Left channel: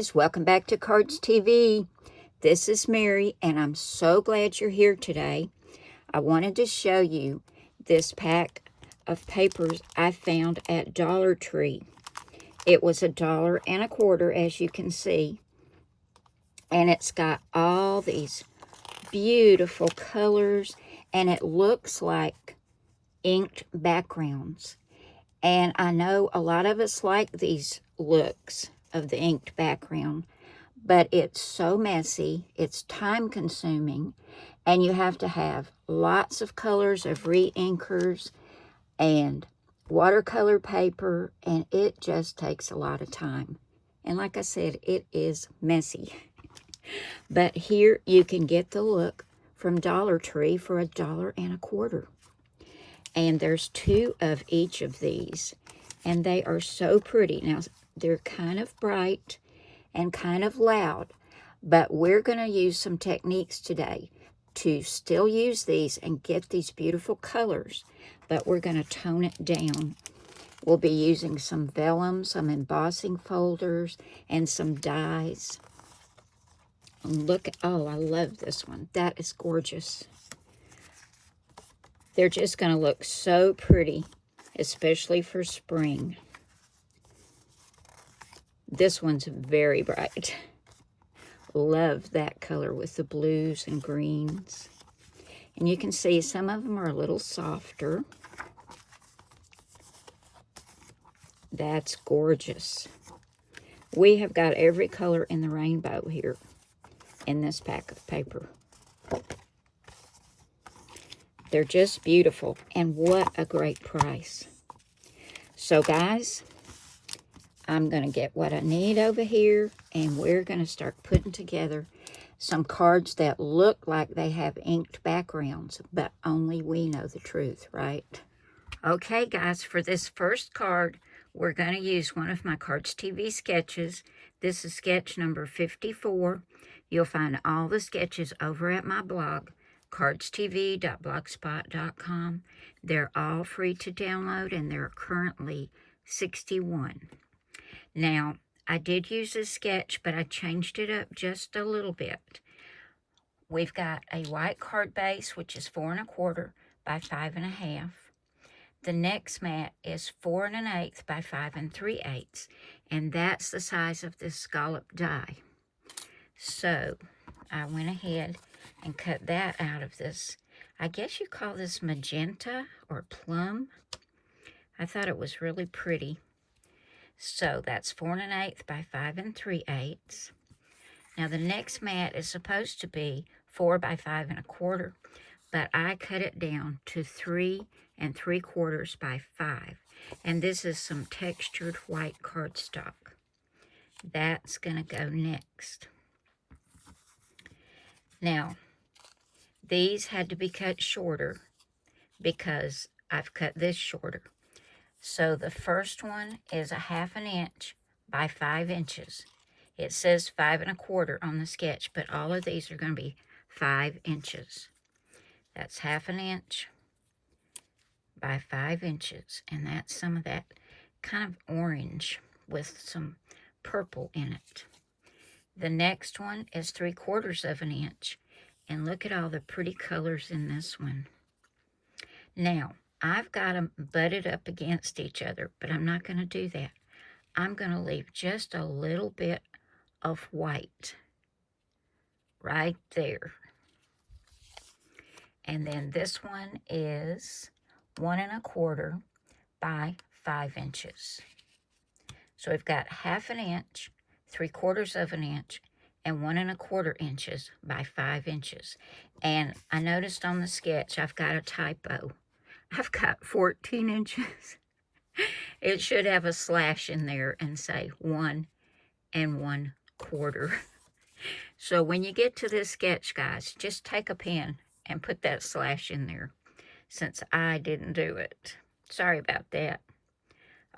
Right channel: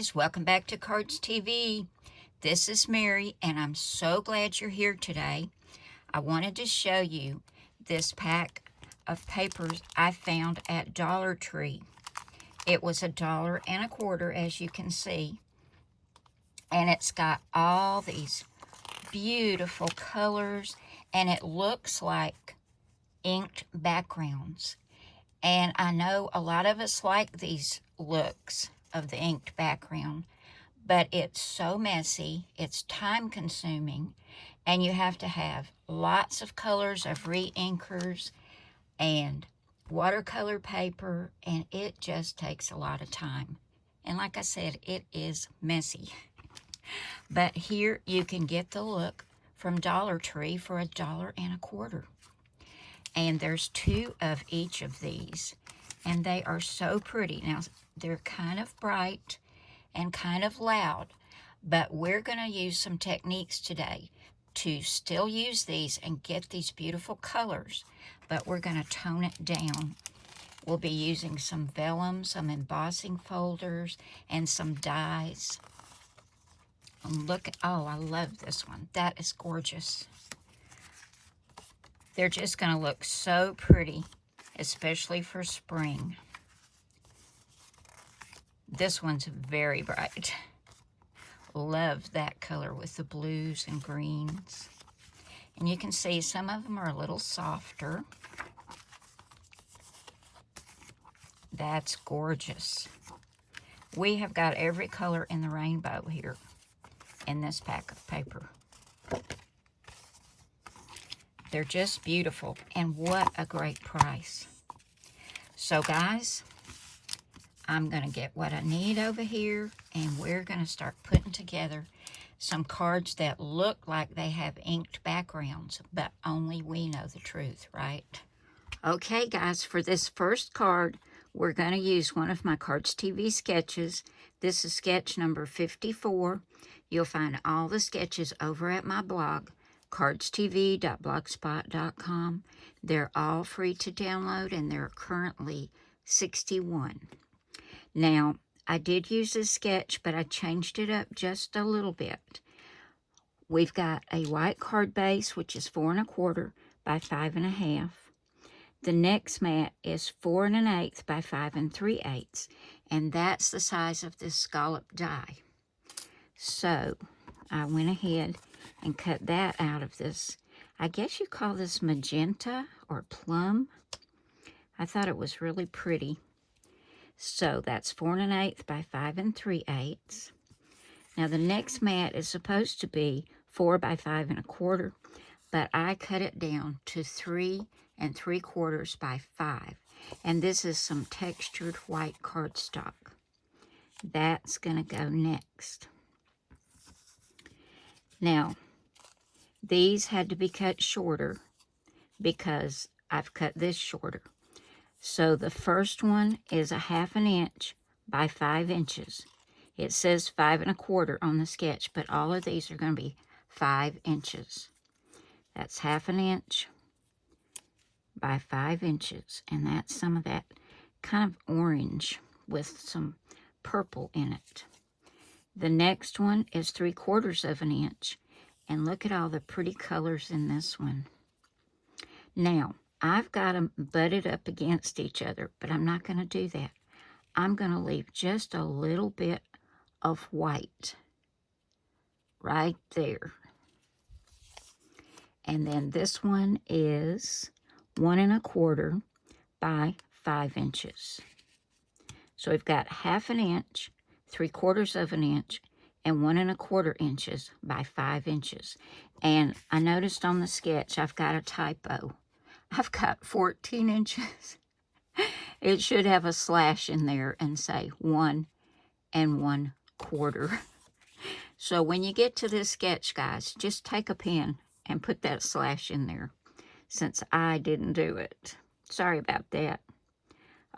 guys, welcome back to Cardz TV. This is Mary, and I'm so glad you're here today. I wanted to show you this pack of papers I found at Dollar Tree. It was $1.25, as you can see, and it's got all these beautiful colors, and it looks like inked backgrounds. And I know a lot of us like these looks of the inked background, but it's so messy, it's time consuming, and you have to have lots of colors of re-inkers and watercolor paper, and it just takes a lot of time. And like I said, it is messy. But here you can get the look from Dollar Tree for $1.25. And there's 2 of each of these, and they are so pretty. Now, they're kind of bright and kind of loud, but we're going to use some techniques today to still use these and get these beautiful colors, but we're going to tone it down. We'll be using some vellum, some embossing folders, and some dies. And look, oh, I love this one. That is gorgeous. They're just going to look so pretty, especially for spring. This one's very bright. Love that color with the blues and greens. And you can see some of them are a little softer. That's gorgeous. We have got every color in the rainbow here in this pack of paper. They're just beautiful, and what a great price. So guys, I'm going to get what I need over here, and we're going to start putting together some cards that look like they have inked backgrounds, but only we know the truth, right? Okay, guys, for this first card, we're going to use one of my Cardz TV sketches. This is sketch number 54. You'll find all the sketches over at my blog, cardztv.blogspot.com. They're all free to download, and there are currently 61. Now, I did use this sketch, but I changed it up just a little bit. We've got a white card base, which is 4 1/4 by 5 1/2. The next mat is 4 1/8 by 5 3/8, and that's the size of this scallop die. So, I went ahead and cut that out of this. I guess you call this magenta or plum. I thought it was really pretty. So that's 4 1/8 by 5 3/8. Now the next mat is supposed to be 4 by 5 1/4, but I cut it down to 3 3/4 by 5. And this is some textured white cardstock. That's gonna go next. Now, these had to be cut shorter because I've cut this shorter. So the first one is 1/2 inch by 5 inches. It says 5 1/4 on the sketch, but all of these are going to be 5 inches. That's 1/2 inch by 5 inches, and that's some of that kind of orange with some purple in it. The next one is 3/4 inch, and look at all the pretty colors in this one. Now, I've got them butted up against each other, but I'm not going to do that. I'm going to leave just a little bit of white right there. And then this one is 1 1/4 by 5 inches. So we've got 1/2 inch, 3/4 inch, and 1 1/4 inches by 5 inches. And I noticed on the sketch I've got a typo. I've got 14 inches. It should have a slash in there and say 1 1/4. So when you get to this sketch, guys, just take a pen and put that slash in there, since I didn't do it. Sorry about that.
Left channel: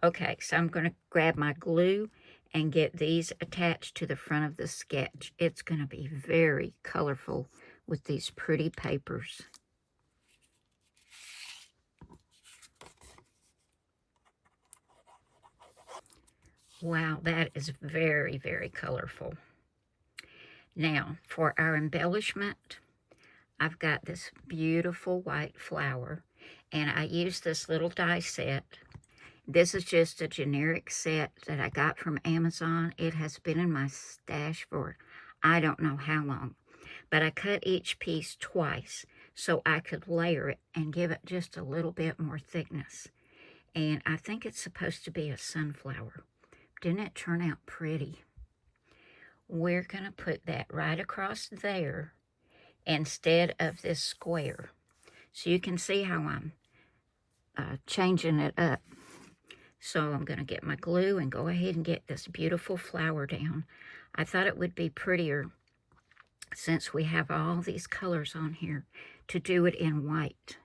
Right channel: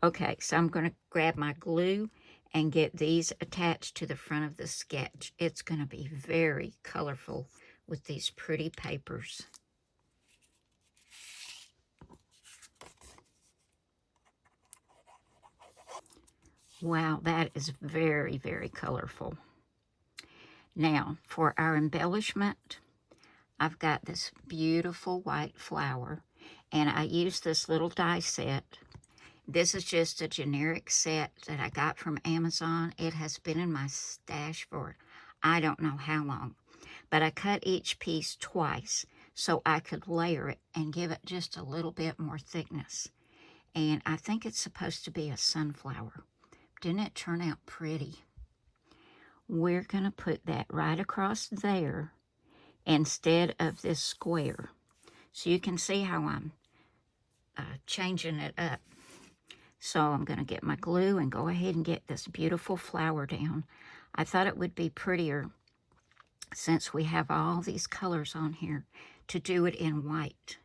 Okay, so I'm going to grab my glue and get these attached to the front of the sketch. It's going to be very colorful with these pretty papers. Wow, that is very, very colorful. Now, for our embellishment, I've got this beautiful white flower, and I use this little die set. This is just a generic set that I got from Amazon. It has been in my stash for I don't know how long, but I cut each piece twice so I could layer it and give it just a little bit more thickness. And I think it's supposed to be a sunflower. Didn't it turn out pretty? We're going to put that right across there instead of this square. So you can see how I'm changing it up. So I'm going to get my glue and go ahead and get this beautiful flower down. I thought it would be prettier, since we have all these colors on here, to do it in white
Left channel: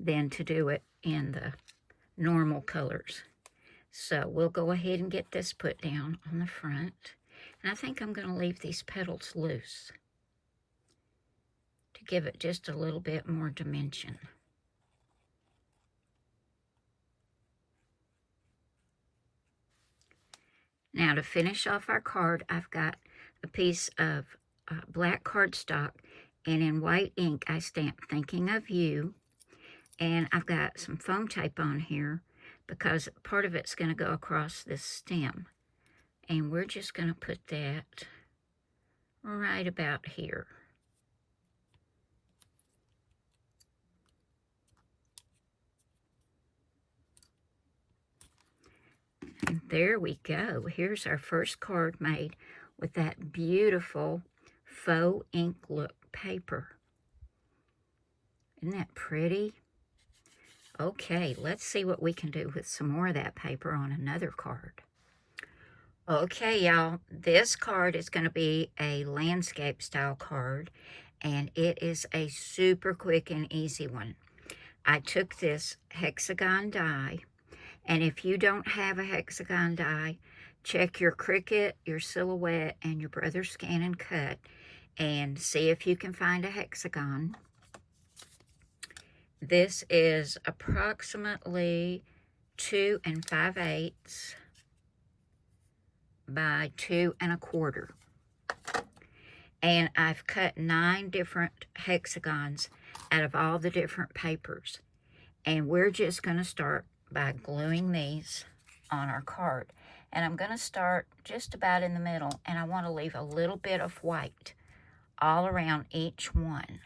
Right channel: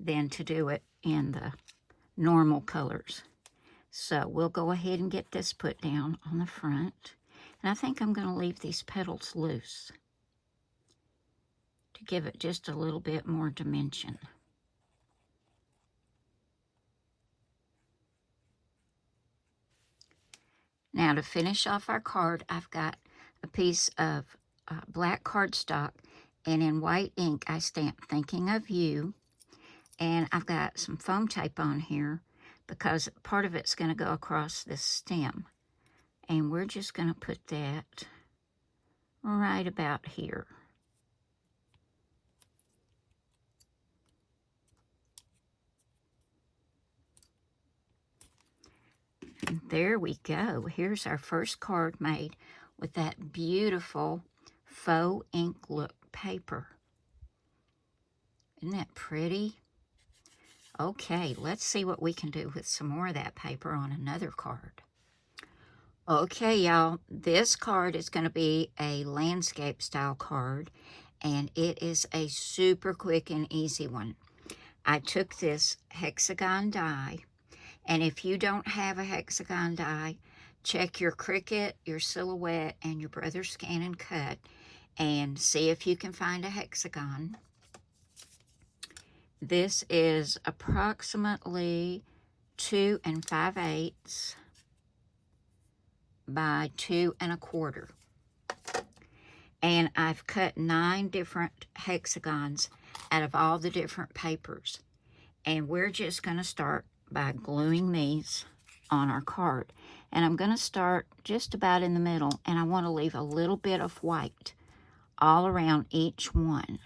than to do it in the normal colors. So we'll go ahead and get this put down on the front. And I think I'm going to leave these petals loose to give it just a little bit more dimension. Now, to finish off our card, I've got a piece of black cardstock, and in white ink I stamped "Thinking of You," and I've got some foam tape on here because part of it's going to go across this stem, and we're just going to put that right about here. And there we go. Here's our first card made with that beautiful faux ink look paper. Isn't that pretty? Okay, let's see what we can do with some more of that paper on another card. Okay, y'all, this card is going to be a landscape style card, and it is a super quick and easy one. I took this Hexagon die, and if you don't have a Hexagon die, check your Cricut, your Silhouette, and your Brother Scan and Cut, and see if you can find a Hexagon. This is approximately 2 5/8 by 2 1/4. And I've cut 9 different hexagons out of all the different papers. And we're just going to start by gluing these on our card. And I'm going to start just about in the middle, and I want to leave a little bit of white all around each one.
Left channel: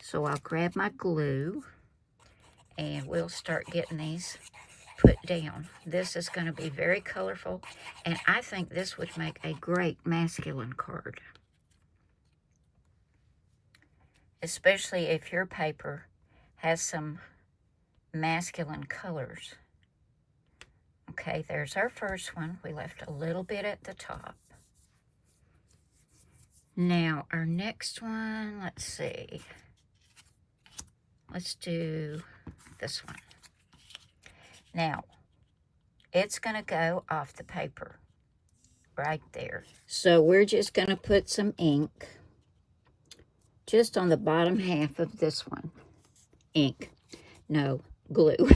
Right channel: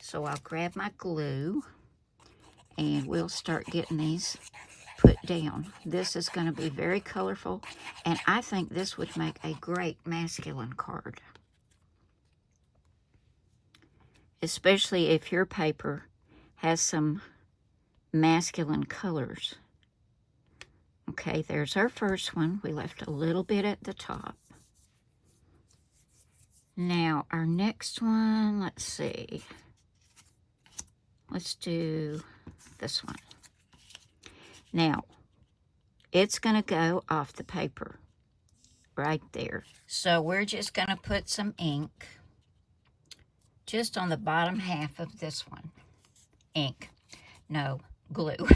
So I'll grab my glue, and we'll start getting these put down. This is going to be very colorful, and I think this would make a great masculine card, especially if your paper has some masculine colors. Okay, there's our first one. We left a little bit at the top. Now, our next one, let's see. Let's do this one. Now, it's going to go off the paper right there. So we're just going to put some ink just on the bottom half of this one. Ink. No, glue.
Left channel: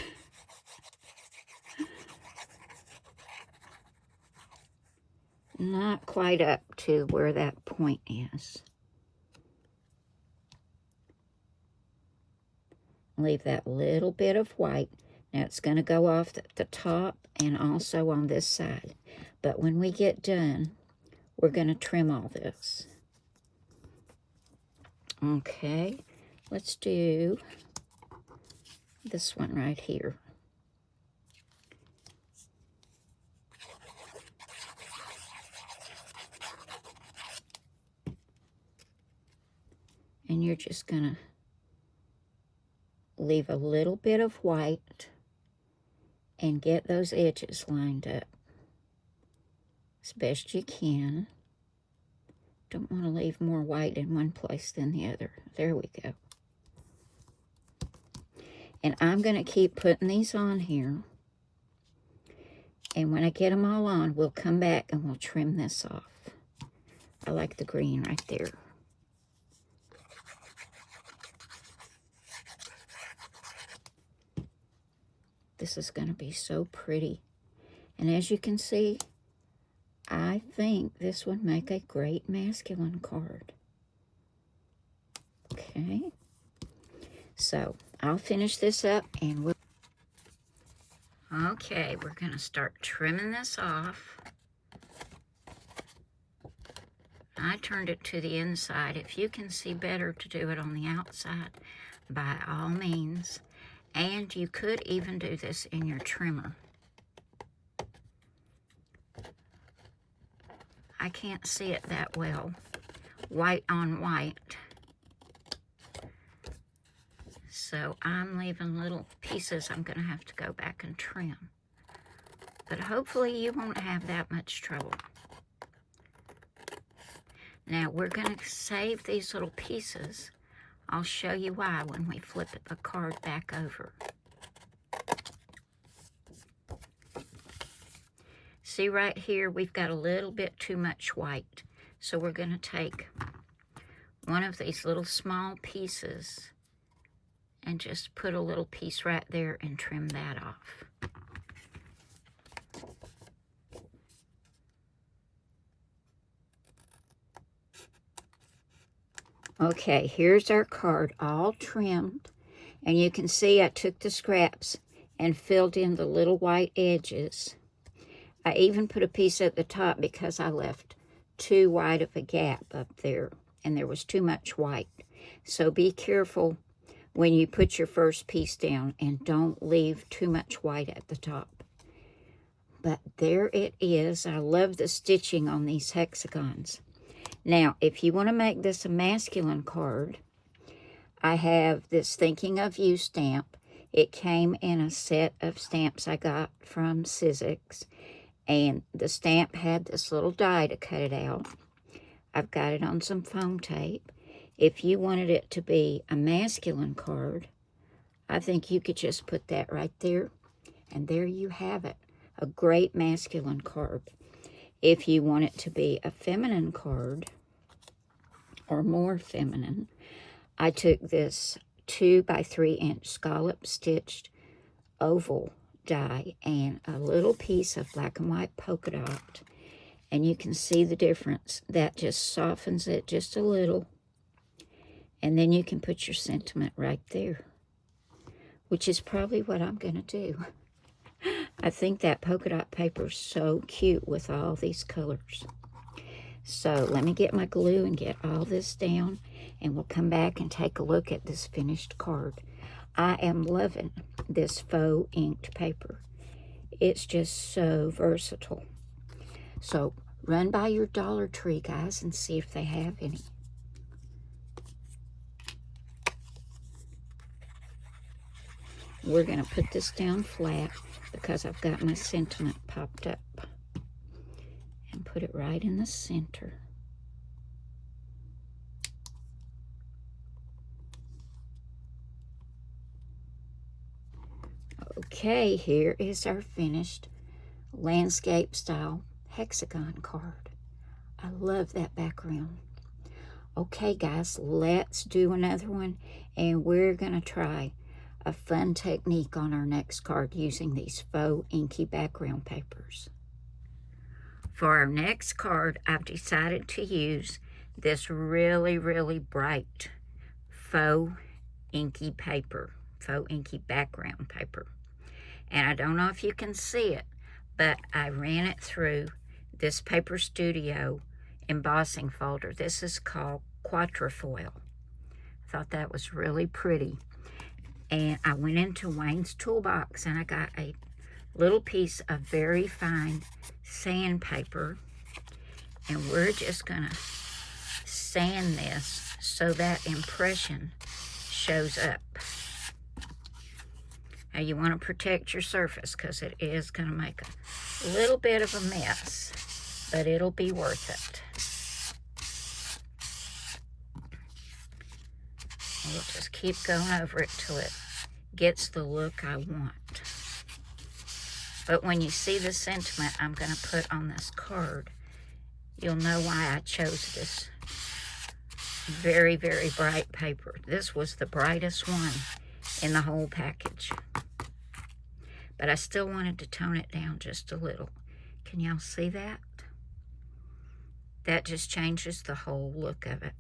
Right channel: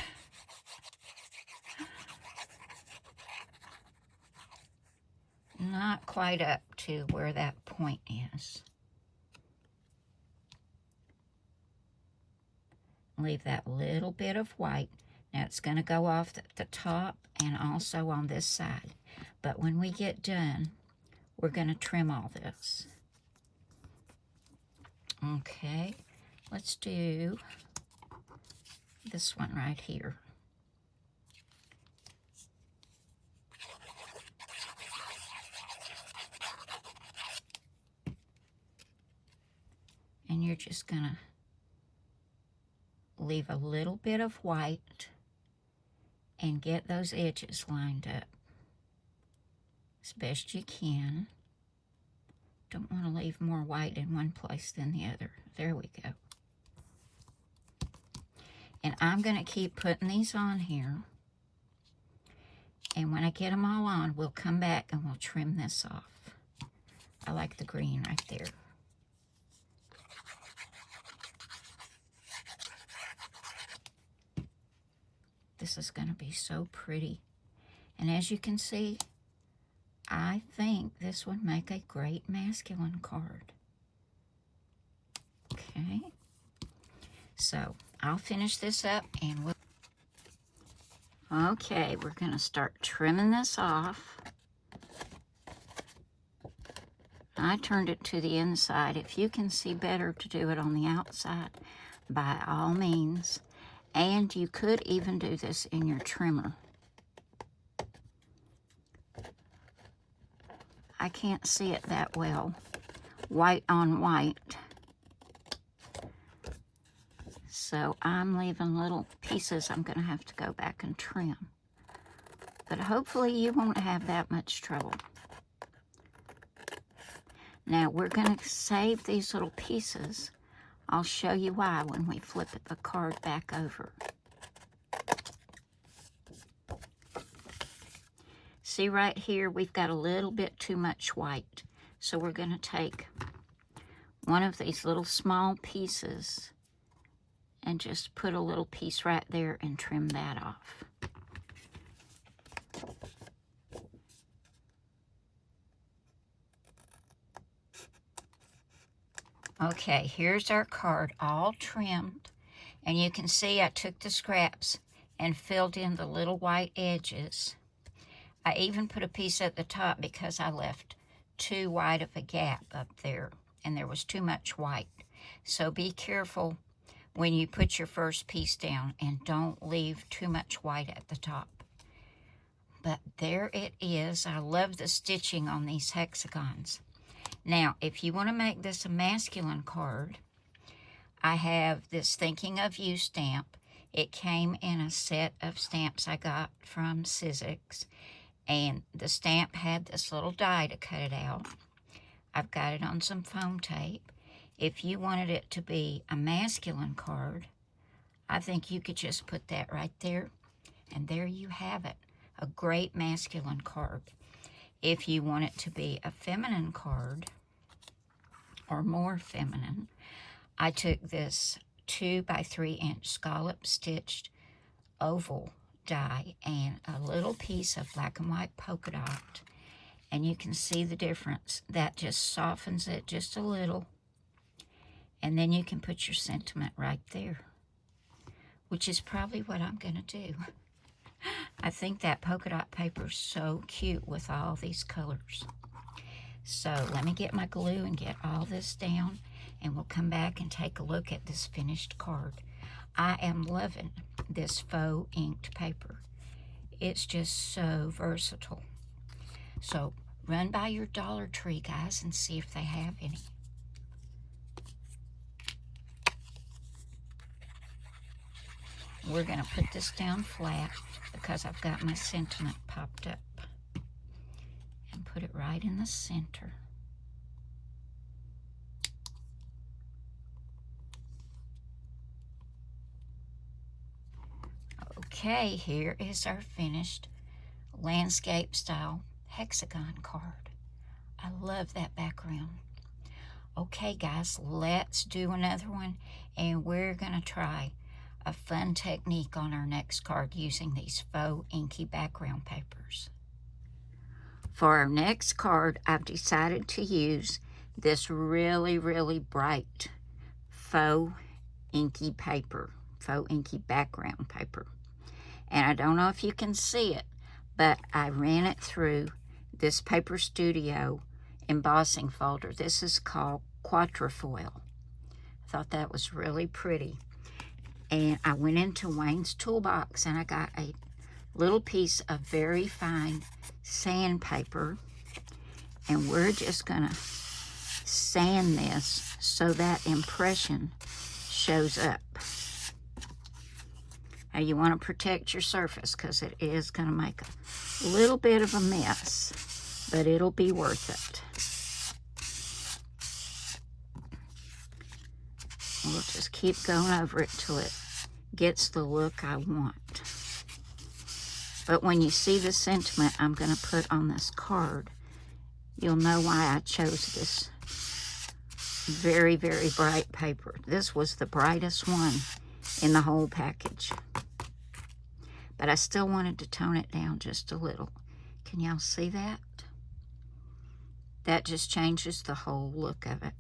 Not quite up to where that point is. Leave that little bit of white. Now it's going to go off the top and also on this side. But when we get done, we're going to trim all this. Okay, let's do this one right here. And you're just going to leave a little bit of white and get those edges lined up as best you can. Don't want to leave more white in one place than the other. There we go. And I'm going to keep putting these on here. And when I get them all on, we'll come back and we'll trim this off. I like the green right there. This is going to be so pretty. And as you can see, I think this would make a great masculine card. Okay. So I'll finish this up and we'll... Okay, we're going to start trimming this off. I turned it to the inside. If you can see better to do it on the outside, by all means. And you could even do this in your trimmer. I can't see it that well, white on white. So I'm leaving little pieces I'm going to have to go back and trim. But hopefully you won't have that much trouble. Now we're going to save these little pieces. I'll show you why when we flip the card back over. See right here, we've got a little bit too much white. So we're going to take one of these little small pieces and just put a little piece right there and trim that off. Okay, here's our card all trimmed. And you can see I took the scraps and filled in the little white edges. I even put a piece at the top because I left too wide of a gap up there. And there was too much white. So be careful when you put your first piece down and don't leave too much white at the top. But there it is. I love the stitching on these hexagons. Now, if you want to make this a masculine card, I have this Thinking of You stamp. It came in a set of stamps I got from Sizzix, and the stamp had this little die to cut it out. I've got it on some foam tape. If you wanted it to be a masculine card, I think you could just put that right there, and there you have it, a great masculine card. If you want it to be a feminine card, or more feminine, I took this 2 by 3 inch scallop stitched oval die and a little piece of black and white polka dot. And you can see the difference. That just softens it just a little. And then you can put your sentiment right there, which is probably what I'm going to do. I think that polka dot paper is so cute with all these colors. So let me get my glue and get all this down, and we'll come back and take a look at this finished card. I am loving this faux inked paper. It's just so versatile. So run by your Dollar Tree, guys, and see if they have any. We're going to put this down flat because I've got my sentiment popped up. And put it right in the center. Okay, here is our finished landscape style hexagon card. I love that background. Okay, guys, let's do another one, and we're going to try a fun technique on our next card using these faux inky background papers. For our next card, I've decided to use this really, really bright faux inky paper, faux inky background paper. And I don't know if you can see it, but I ran it through this Paper Studio embossing folder. This is called Quatrefoil. I thought that was really pretty. And I went into Wayne's Toolbox and I got a little piece of very fine sandpaper, and we're just gonna sand this so that impression shows up. Now you want to protect your surface because it is going to make a little bit of a mess, but it'll be worth it. We'll just keep going over it till it gets the look I want. But when you see the sentiment I'm going to put on this card, you'll know why I chose this very, very bright paper. This was the brightest one in the whole package. but I still wanted to tone it down just a little. Can y'all see that? That just changes the whole look of it.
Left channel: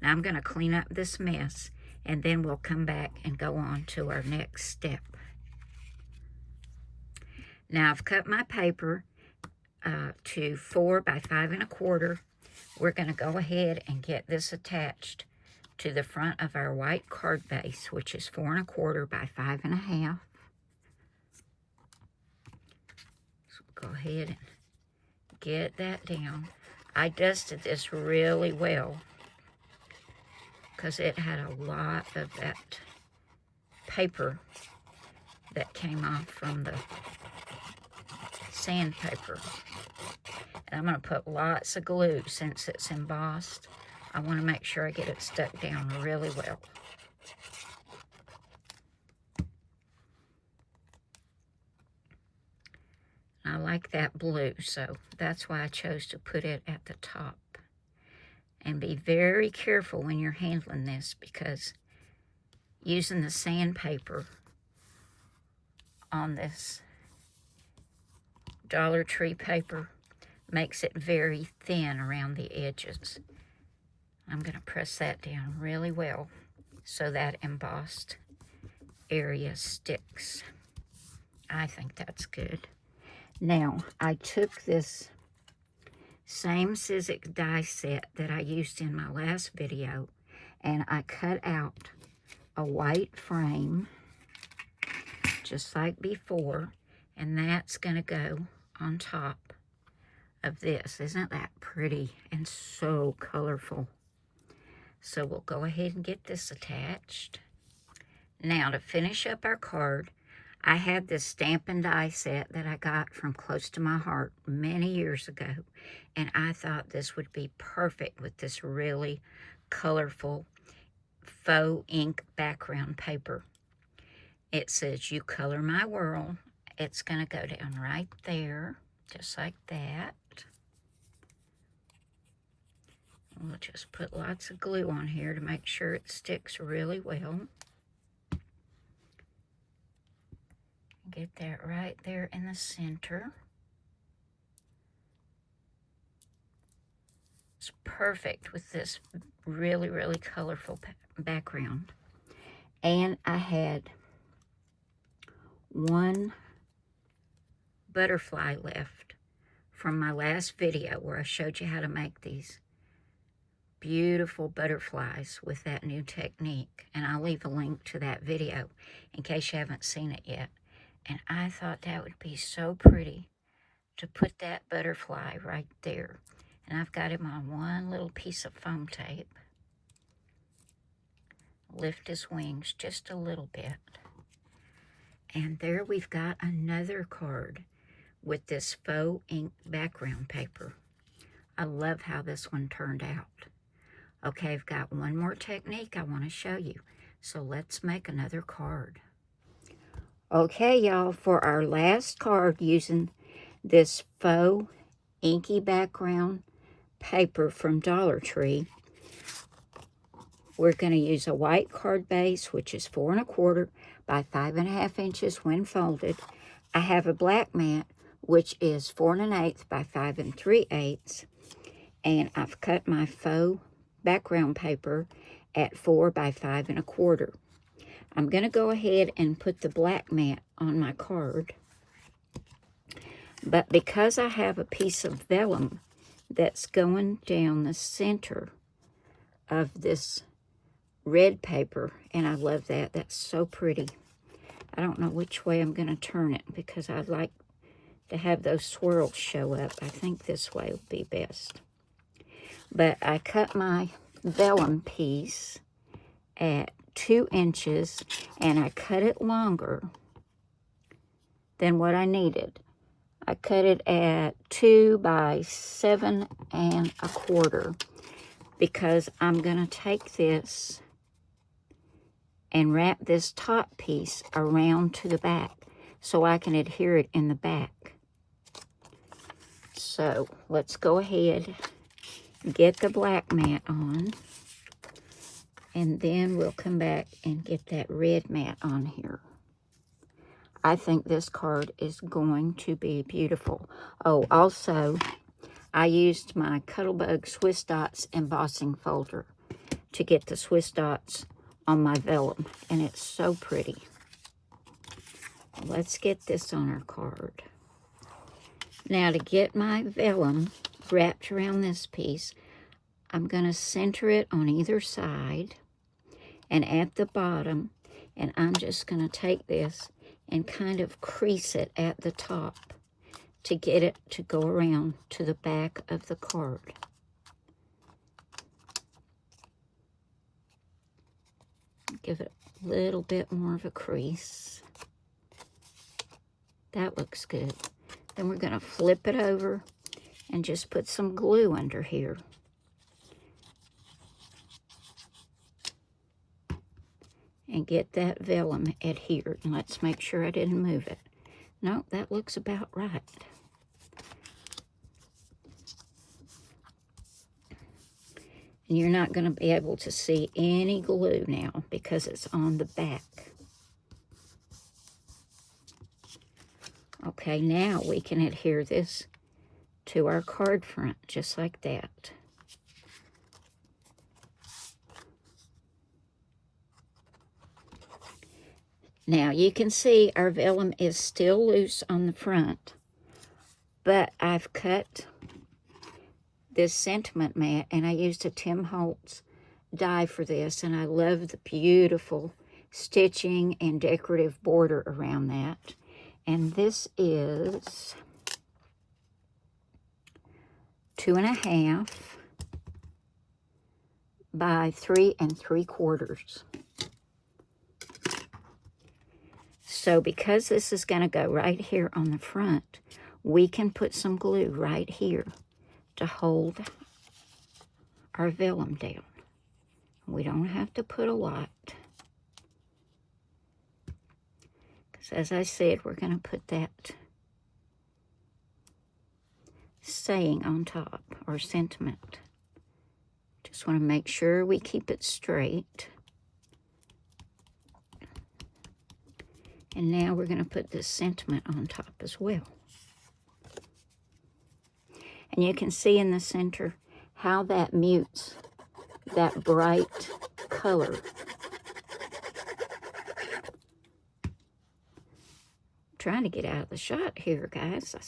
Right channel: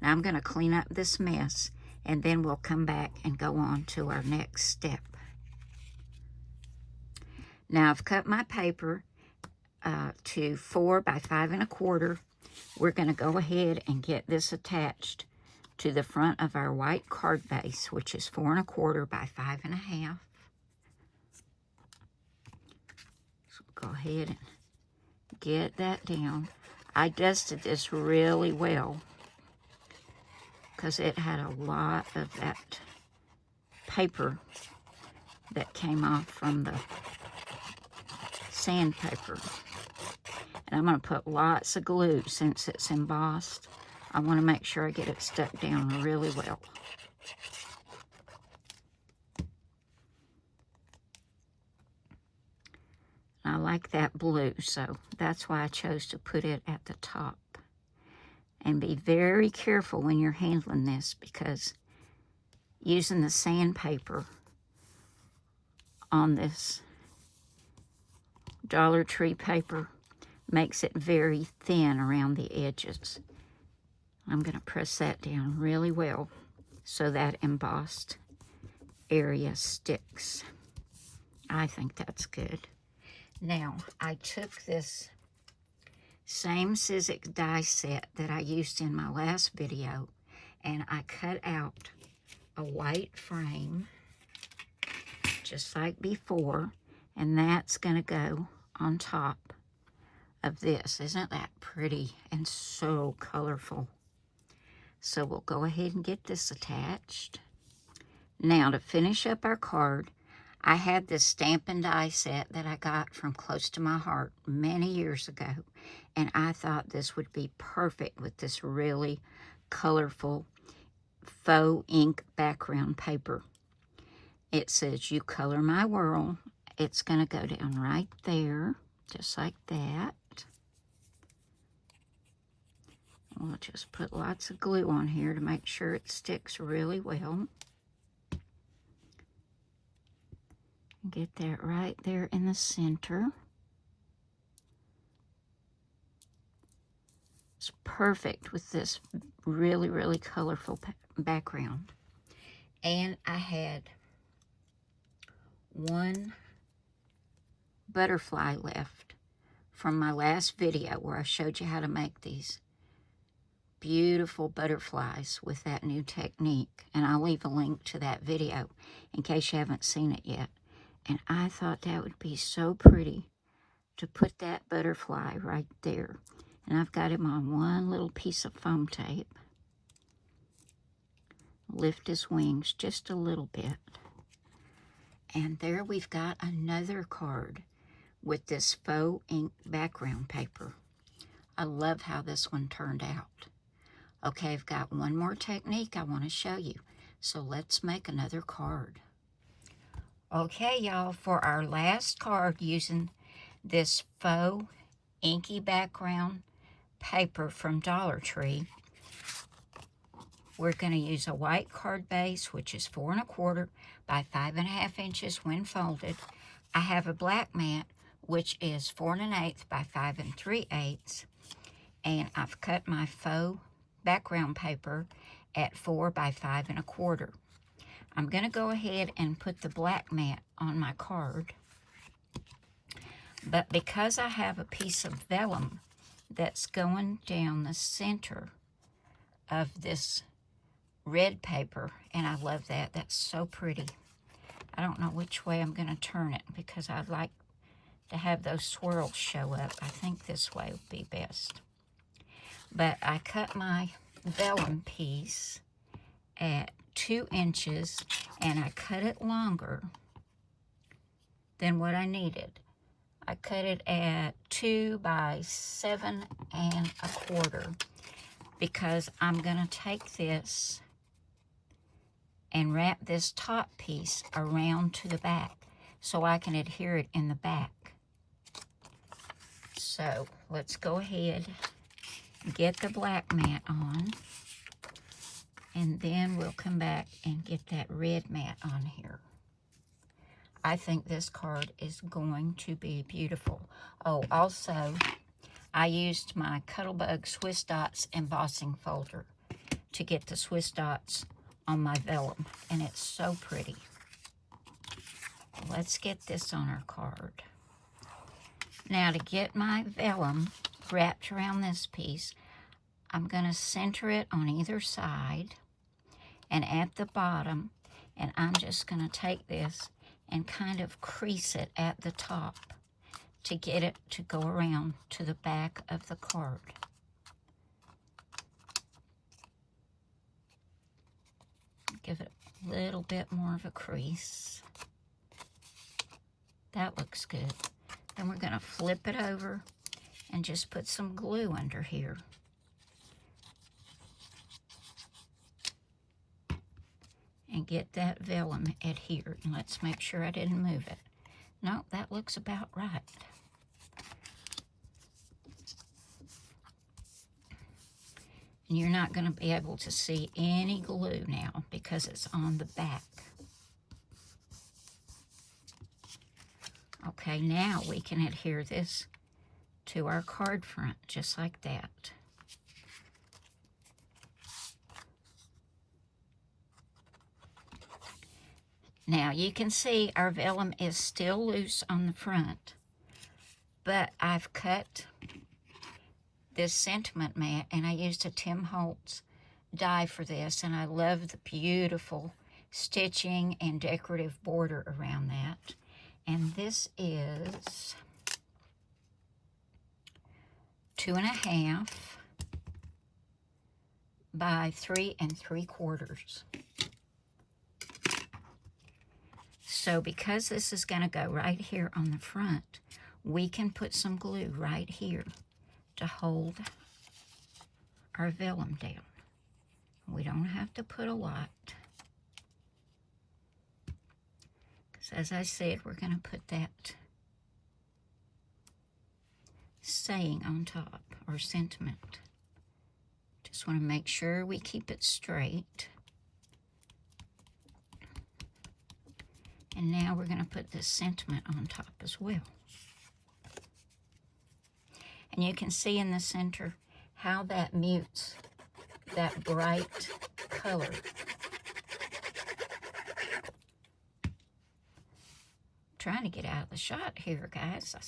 Now I'm going to clean up this mess, and then we'll come back and go on to our next step. Now I've cut my paper to 4 by 5 1/4. We're going to go ahead and get this attached to the front of our white card base, which is 4 1/4 by 5 1/2. So go ahead and get that down. I dusted this really well because it had a lot of that paper that came off from the sandpaper. And I'm going to put lots of glue since it's embossed. I want to make sure I get it stuck down really well. I like that blue, so that's why I chose to put it at the top. And be very careful when you're handling this, because using the sandpaper on this Dollar Tree paper makes it very thin around the edges. I'm going to press that down really well so that embossed area sticks. I think that's good. Now, I took this same Sizzix die set that I used in my last video, and I cut out a white frame, just like before, and that's going to go on top of this. Isn't that pretty and so colorful? So we'll go ahead and get this attached. Now, to finish up our card, I had this stamp and die set that I got from Close to My Heart many years ago, and I thought this would be perfect with this really colorful faux ink background paper. It says, "You color my world." It's going to go down right there, just like that. We'll just put lots of glue on here to make sure it sticks really well. Get that right there in the center. It's perfect with this really, really colorful background. And I had one butterfly left from my last video where I showed you how to make these beautiful butterflies with that new technique. And I'll leave a link to that video in case you haven't seen it yet. And I thought that would be so pretty to put that butterfly right there. And I've got him on one little piece of foam tape. Lift his wings just a little bit. And there we've got another card with this faux ink background paper. I love how this one turned out. Okay, I've got one more technique I want to show you. So let's make another card. Okay, y'all, for our last card using this faux inky background paper from Dollar Tree, we're going to use a white card base, which is 4 1/4 by 5 1/2 inches when folded. I have a black mat, which is 4 1/8 by 5 3/8, and I've cut my faux background paper at 4 by 5 1/4. I'm going to go ahead and put the black mat on my card, but because I have a piece of vellum that's going down the center of this red paper, and I love that. That's so pretty. I don't know which way I'm going to turn it because I'd like to have those swirls show up. I think this way would be best. But I cut my vellum piece at 2 inches, and I cut it longer than what I needed. I cut it at 2 by 7 1/4 because I'm going to take this and wrap this top piece around to the back so I can adhere it in the back. So let's go ahead and get the black mat on, and then we'll come back and get that red mat on here. I think this card is going to be beautiful. Oh, also, I used my Cuttlebug Swiss Dots embossing folder to get the Swiss Dots on my vellum, and it's so pretty. Let's get this on our card. Now, to get my vellum wrapped around this piece, I'm going to center it on either side and at the bottom, and I'm just going to take this and kind of crease it at the top to get it to go around to the back of the card. Give it a little bit more of a crease. That looks good. Then we're going to flip it over and just put some glue under here. And get that vellum adhered. And let's make sure I didn't move it. No, that looks about right. And you're not going to be able to see any glue now because it's on the back. Okay, now we can adhere this to our card front, just like that. Now, you can see our vellum is still loose on the front, but I've cut this sentiment mat, and I used a Tim Holtz die for this, and I love the beautiful stitching and decorative border around that. And this is 2.5 by 3 3/4. So because this is going to go right here on the front, we can put some glue right here to hold our vellum down. We don't have to put a lot. Because as I said, we're going to put that saying on top, or sentiment. Just want to make sure we keep it straight. And now we're going to put this sentiment on top as well. And you can see in the center how that mutes that bright color. I'm trying to get out of the shot here, guys. I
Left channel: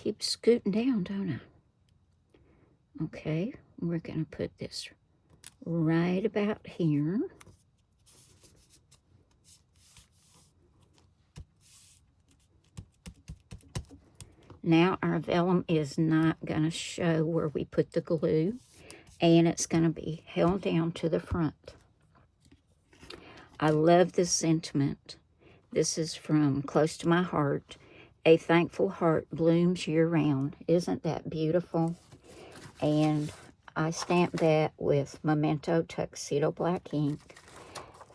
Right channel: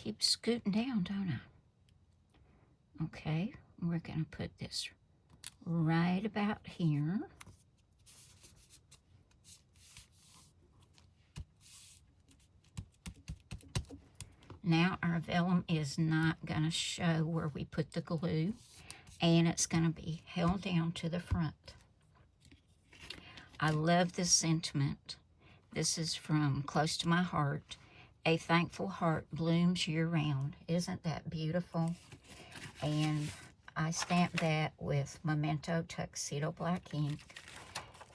keep scooting down, don't I? Okay, we're going to put this right about here. Now our vellum is not going to show where we put the glue, and it's going to be held down to the front. I love this sentiment. This is from Close to My Heart. A thankful heart blooms year-round. Isn't that beautiful? And I stamped that with Memento Tuxedo Black ink.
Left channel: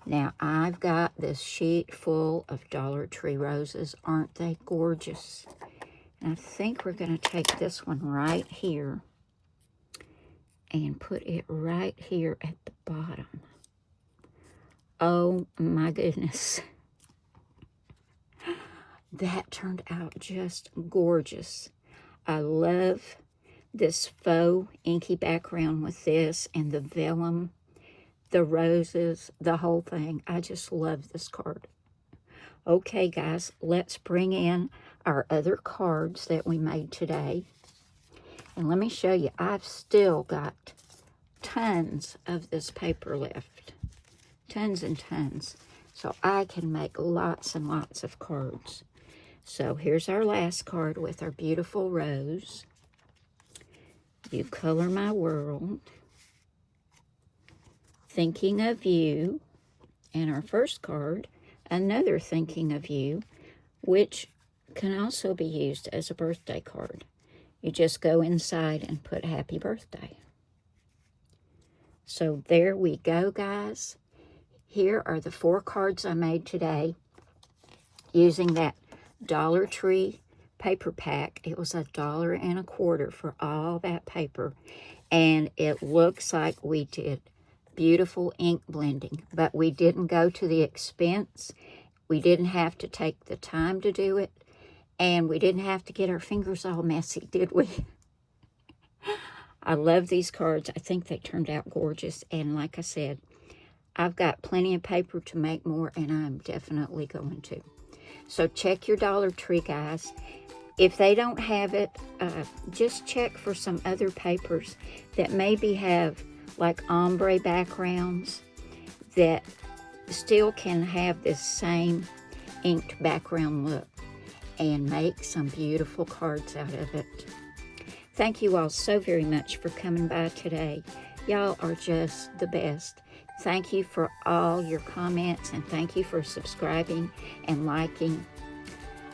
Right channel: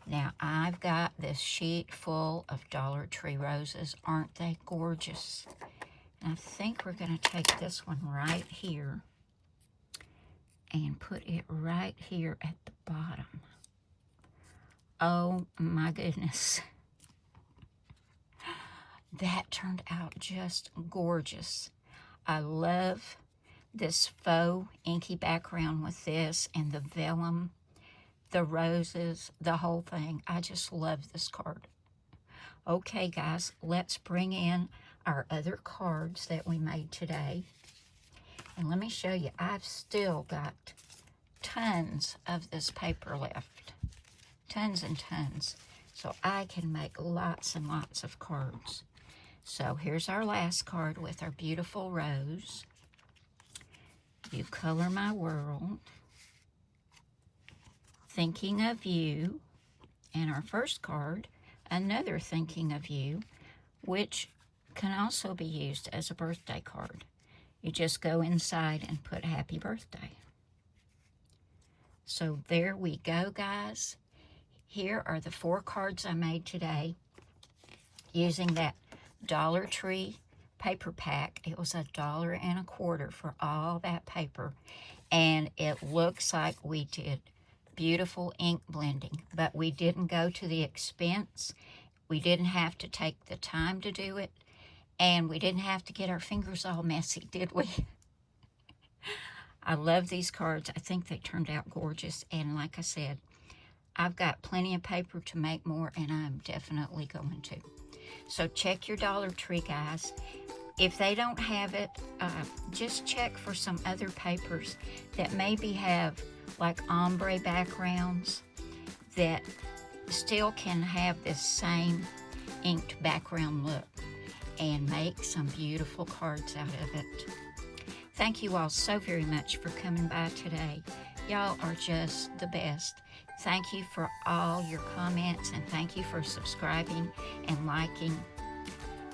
Now, I've got this sheet full of Dollar Tree roses. Aren't they gorgeous? I think we're going to take this one right here and put it right here at the bottom. Oh my goodness. That turned out just gorgeous. I love this faux inky background with this and the vellum, the roses, the whole thing. I just love this card. Okay, guys, let's bring in our other cards that we made today. And let me show you, I've still got tons of this paper left. Tons and tons. So I can make lots and lots of cards. So here's our last card with our beautiful rose. You Color My World. Thinking of You. And our first card, another Thinking of You, which can also be used as a birthday card. You just go inside and put happy birthday. So there we go, guys. Here are the 4 cards I made today using that Dollar Tree paper pack. It was $1.25 for all that paper, and it looks like we did beautiful ink blending, but we didn't go to the expense. We didn't have to take the time to do it, and we didn't have to get our fingers all messy, did we? I love these cards. I think they turned out gorgeous, and like I said, I've got plenty of paper to make more, and I'm definitely going to. So check your Dollar Tree, guys. If they don't have it, just check for some other papers that maybe have like ombre backgrounds that still can have this same inked background look, and make some beautiful cards out of it. Thank you all so very much for coming by today. Y'all are just the best. Thank you for all your comments, and thank you for subscribing and liking.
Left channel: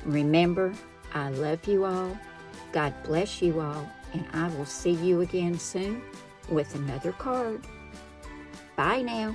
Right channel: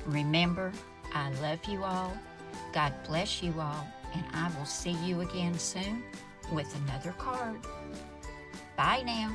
Remember, I love you all. God bless you all, and I will see you again soon with another card. Bye now.